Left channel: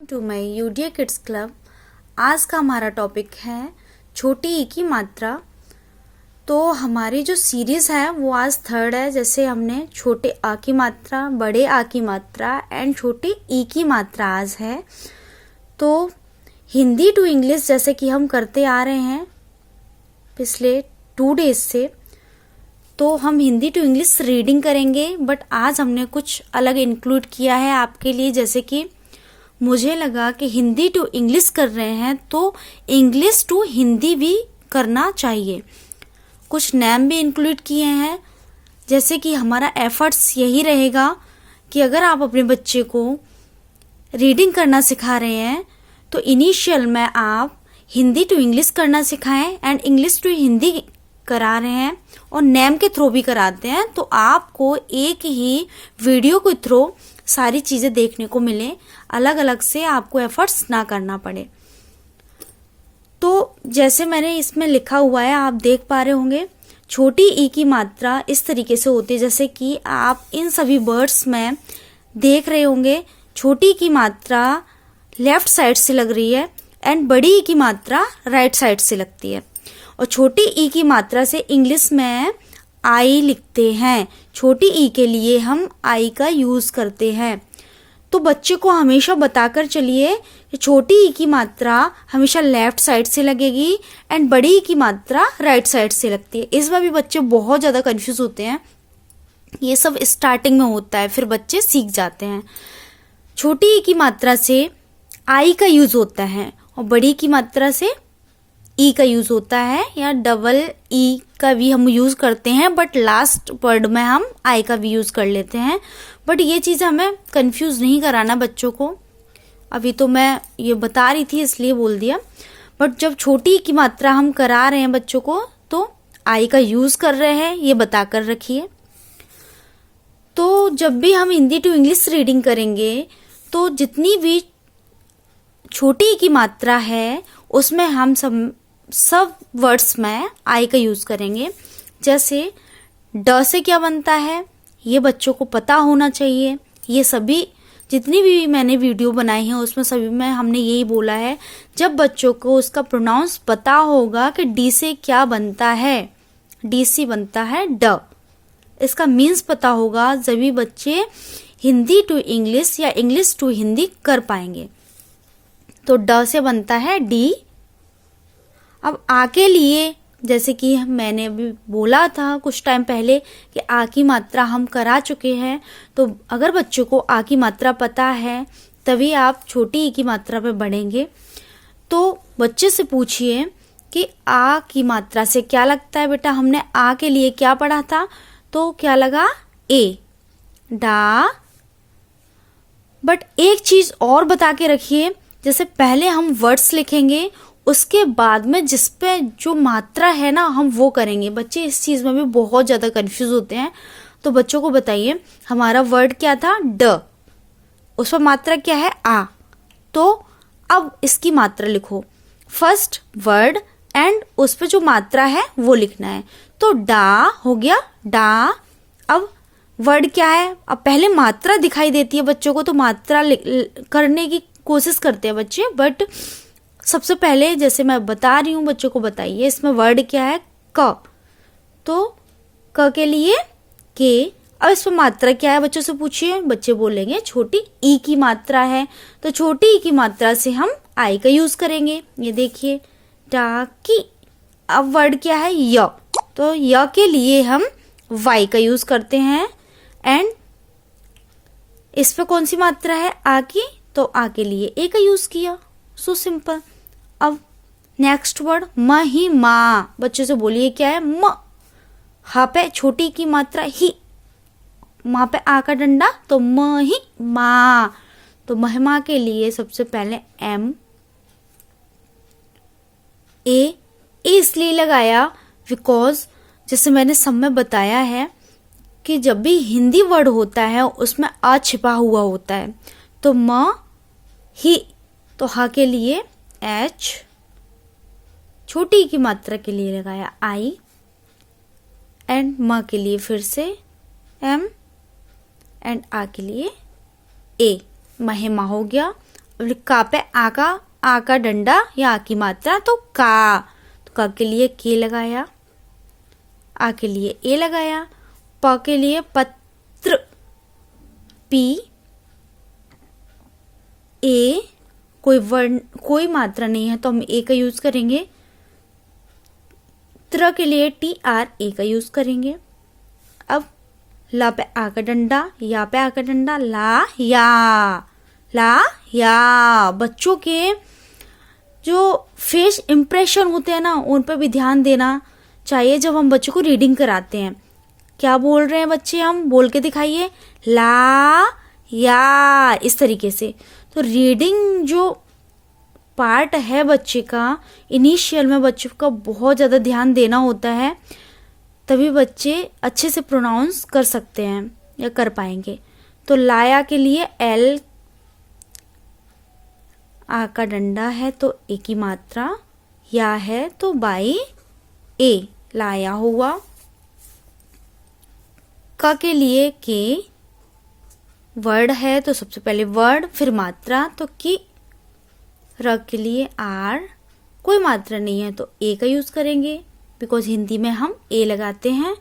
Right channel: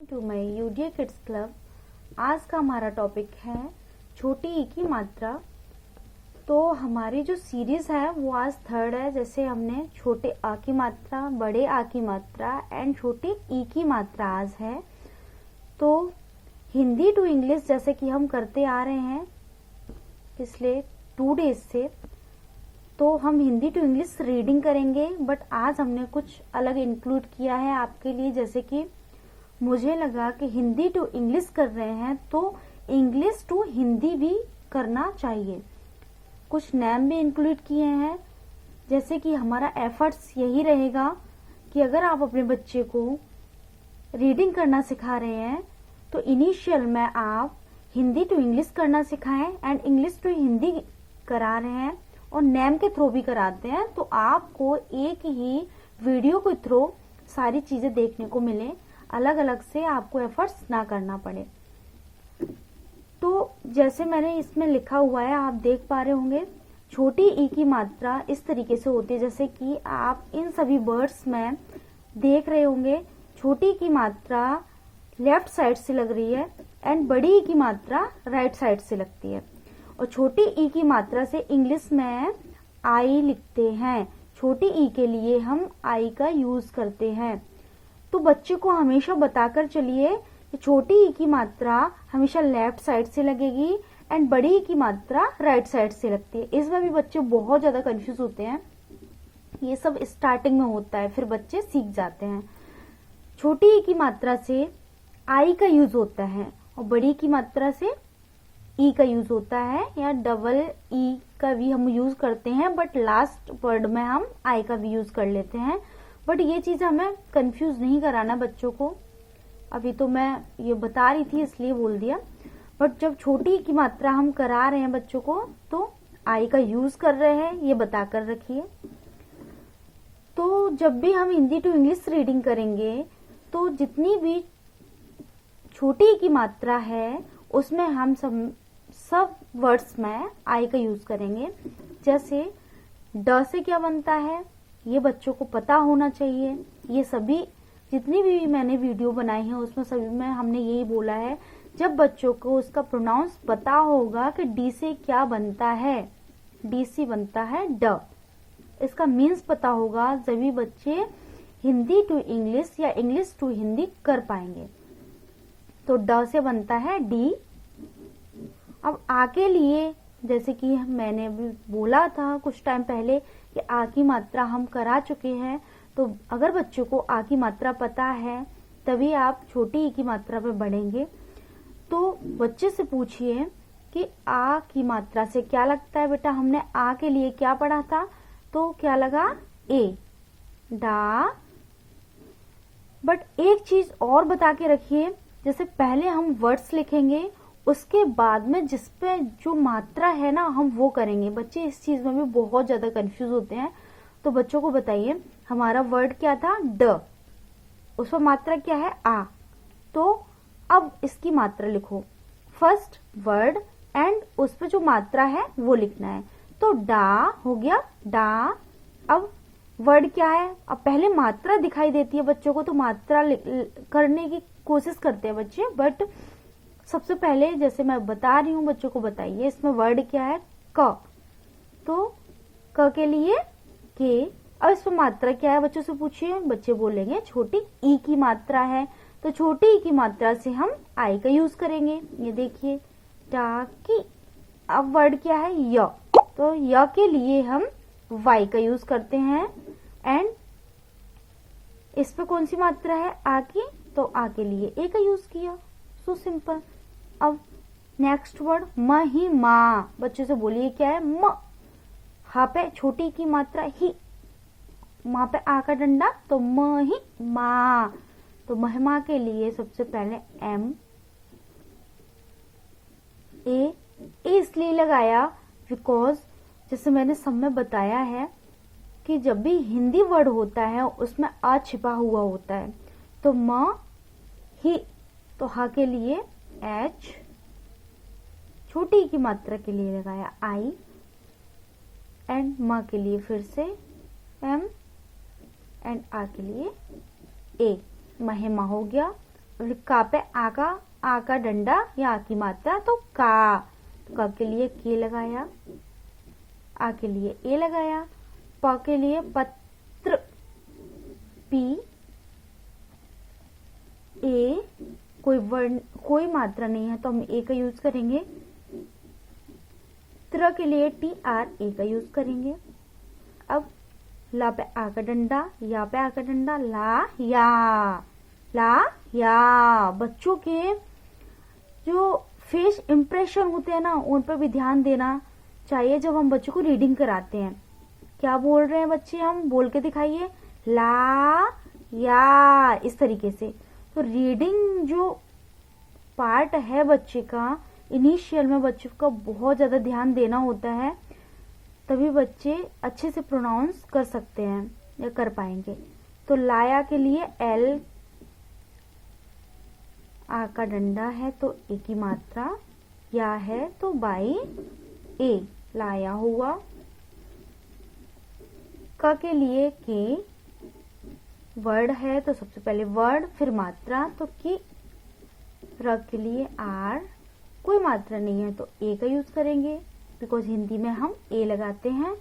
To my यूडिया kids club. आज का हमारा टॉपिक है छोटी ई की मात्रा। तो हमारी जो सीरीज़ है वो आज थर्ड है। जैसे हमने छोटे आ की मात्रा, बड़े आ की मात्रा एंड छोटे ई की मात्रा आज है। तो हिंदी टू इंग्लिश जैसे कि हम करते आ रहे हैं पिछले 2 डेज से, तो हम हिंदी टू इंग्लिश रीडिंग करेंगे। बट आज हमने कुछ अलग इंक्लूड किया है आपके लिए। जैसे कि मुझे लगा कि हिंदी टू इंग्लिश कर रहे हैं तो इंग्लिश टू हिंदी भी करना चाहिए। कुछ नेम भी इंक्लूड किए हैं। जैसे कि हमारा एफर्ट्स यही रहेगा कि अगर आप अपने बच्चे को रीडिंग करना सिखा रहे हैं तो इनिशियल में आप हिंदी टू इंग्लिश करना सिखाएं एंड इंग्लिश टू हिंदी करा रहे हैं और नेम के थ्रू भी कराते हैं, तो आपको एक ही वीडियो के थ्रू सारी चीज़ें देखने को मिले, अलग अलग से आपको एफर्ट्स ना करना पड़े। तो जैसे मैंने इसमें लिखा हुआ है, आप देख पा रहे होंगे, छोटी ई की मात्रा इस तरीके से होती है। जैसे कि आप इन सभी वर्ड्स में देख रहे होंगे, छोटी की मात्रा लेफ्ट साइड से लग रही है एंड बड़ी ई की मात्रा राइट साइड से लगती है। और छोटी ई की मात्रा से इंग्लिश में आई लिखते हैं। छोटी ई के लिए हम आई का यूज करते हैं। तो बच्चे को हमेशा बताकर चलिए कि छोटी ई की मात्रा हमेशा लेफ्ट साइड से लगेगी एंड बड़ी ई की मात्रा राइट साइड से लगती है। इस बार भी बच्चे बहुत ज़्यादा कंफ्यूज होते हैं। ये सब स्टार्टिंग में होता है, फिर बच्चे सीख जाते हैं। छोटी ई की मात्रा से आई का यूज होता है और बड़ी की मात्रा से ई का यूज होता है, या डबल ई का भी हम यूज करते हैं, बट लास्ट वर्ड में हम आई का भी यूज कर लेते हैं। बट ये चीज़ हमें कंफ्यूज नहीं कराना बच्चों को। अभी तो मैं ये बता रही थी इसलिए बोल दिया। बट जब छोटी की मात्रा हम करा रहे हैं बच्चों को तो आई का यूज कर रहे हैं, ये बता कर रखिए। तो जब भी हम हिंदी टू इंग्लिश रीडिंग करेंगे तो जितनी भी छोटी की मात्रा है उसमें हम सब वर्ड्स में आई का यूज करेंगे। जैसे ड से क्या बनता है ये बच्चों को पता होना चाहिए। ये सभी जितनी भी मैंने वीडियो बनाई है उसमें सभी में हमने यही बोला है, जब बच्चों को उसका प्रोनाउंस पता होगा कि डी से क्या बनता है, डी से बनता है ड, इसका मीन्स पता होगा, जब बच्चे हिंदी टू इंग्लिश या इंग्लिश टू हिंदी कर पाएंगे। तो ड से बनता है डी। अब आ के लिए जैसे कि मैंने अभी बोला था कुछ टाइम पहले कि आ की मात्रा हम करा चुके हैं, तो अगर बच्चों को आ की मात्रा पता है तभी आप छोटी ई की मात्रा पे बढ़ेंगे। तो बच्चे से पूछिए कि आ की मात्रा से क्या लगता है बेटा, हमने आ के लिए क्या पढ़ा था, तो क्या लगा ए, डा। बट एक चीज और बता के रखिए, जैसे पहले हम वर्ड्स लिखेंगे उसके बाद में जिस पे जो मात्रा है ना हम वो करेंगे। बच्चे इस चीज में भी बहुत ज्यादा कंफ्यूज होते हैं। तो बच्चों को बताइए, हमारा वर्ड क्या था ड, उस पर मात्रा क्या है आ, तो अब इसकी मात्रा लिखो। फर्स्ट वर्ड एंड उस पर जो मात्रा है वो लिखना है। तो डा हो गया डा। अब वर्ड क्या है, अब पहले मात्रा दिखाई देती है बच्चों को तो मात्रा करने की कोशिश करते हैं बच्चे। बट सबसे पहले जैसे मैं बता रही हूँ बच्चों को बताइए, इसमें वर्ड क्या है क, तो क के लिए के। अब इसमें मात्रा क्या है बच्चों से पूछिए, बच्चे बोलेंगे छोटी ई की मात्रा है, तो छोटी ई की मात्रा से हम आई का यूज करेंगे। ये देखिए टाकी। अब वर्ड क्या है य, तो य के लिए हम वाई का यूज करते हैं एंड इस पे कौन सी मात्रा है आ की, तो आ के लिए ए का यूज किया। So simple. अब नेक्स्ट वर्ड महिमा, बच्चों से बोलिए क्या है म, हा पे छोटी की मात्रा ही, माँ पे आ का डंडा तो मही मा। तो महिमा के लिए सबसे पहले एम, ए इसलिए लगाया बिकॉज जैसे मैंने सब में बताया है कि जब भी हिंदी वर्ड होता है उसमें आ छिपा हुआ होता है। तो म ही, तो हा के लिए एच, छोटी की मात्रा के लिए लगाया आई एंड म के लिए फिर से एम एंड आ के लिए ए, महिमा हो गया। का पे आ का डंडा या आ की मात्रा तो का के लिए के लगाया, आ के लिए ए लगाया, प के लिए पत्र पी, ए कोई वर्ण कोई मात्रा नहीं है तो हम ए का यूज करेंगे, त्र के लिए टी आर ए का यूज करेंगे। अब ला पे आ का डंडा, या पे आ का डंडा, ला या। बच्चों के जो फेस इंप्रेशन होते हैं ना, उन पे भी ध्यान देना चाहिए जब हम बच्चों को रीडिंग कराते हैं। क्या बोल रहे हैं बच्चे, हम बोल के दिखाइए, ला या, इस तरीके से। तो रीडिंग जो पार्ट है बच्चे का, इनिशियल में बच्चों का बहुत ज़्यादा ध्यान देना होता है, तभी बच्चे अच्छे से प्रोनाउंस कर सकते हैं या कर पाएंगे। तो लाया के लिए एल, आ का डंडा है तो ए की मात्रा, या है तो बाई ए, लाया हुआ। का के लिए के, वर्ड है तो सबसे पहले वर्ड फिर मात्रा तो की। र के लिए आर, कोई मात्रा नहीं है तो ए का यूज करेंगे, बिकॉज हिंदी में हम ए लगाते हैं,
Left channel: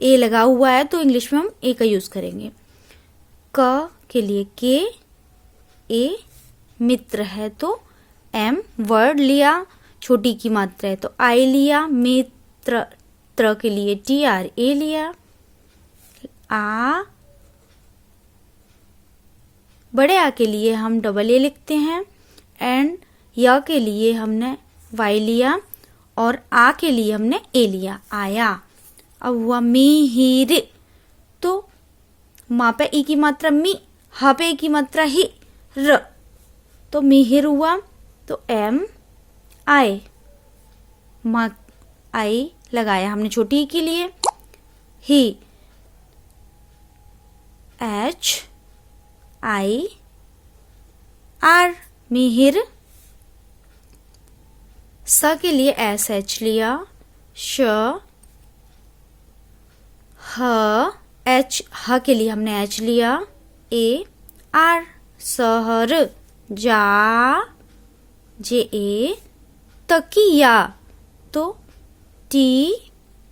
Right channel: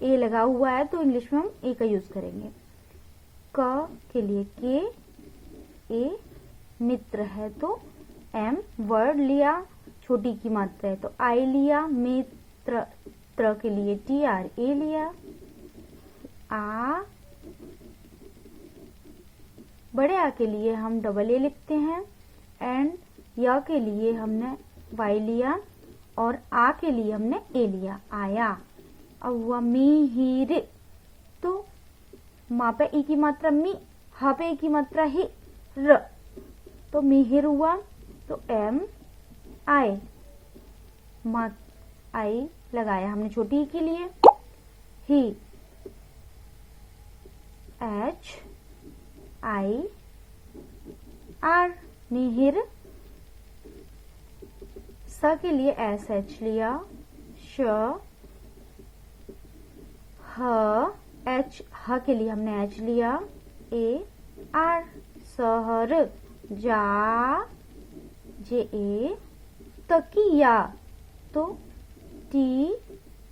ए लगा हुआ है तो इंग्लिश में हम ए का यूज करेंगे। क के लिए के, ए, मित्र है तो एम, वर्ड लिया, छोटी की मात्रा है तो आई लिया, मित्र, त्र के लिए टी आर ए लिया, आ, बड़े आ के लिए हम डबल ए लिखते हैं, एंड या के लिए हमने वाई लिया, और आ के लिए हमने ए लिया, आया। अब हुआ मिहिर, तो मा पे ई की मात्रा मी, हा पे ई की मात्रा ही, र, तो मिहिर हुआ। तो एम आई, मा आई लगाया हमने छोटी ई के लिए, ही, एच आई आर, मिहिर। स के लिए एस एच लिया, श, ह, एच, ह के लिए हमने एच लिया, ए, आर, सहर, जा, जे ए, तकिया तो टी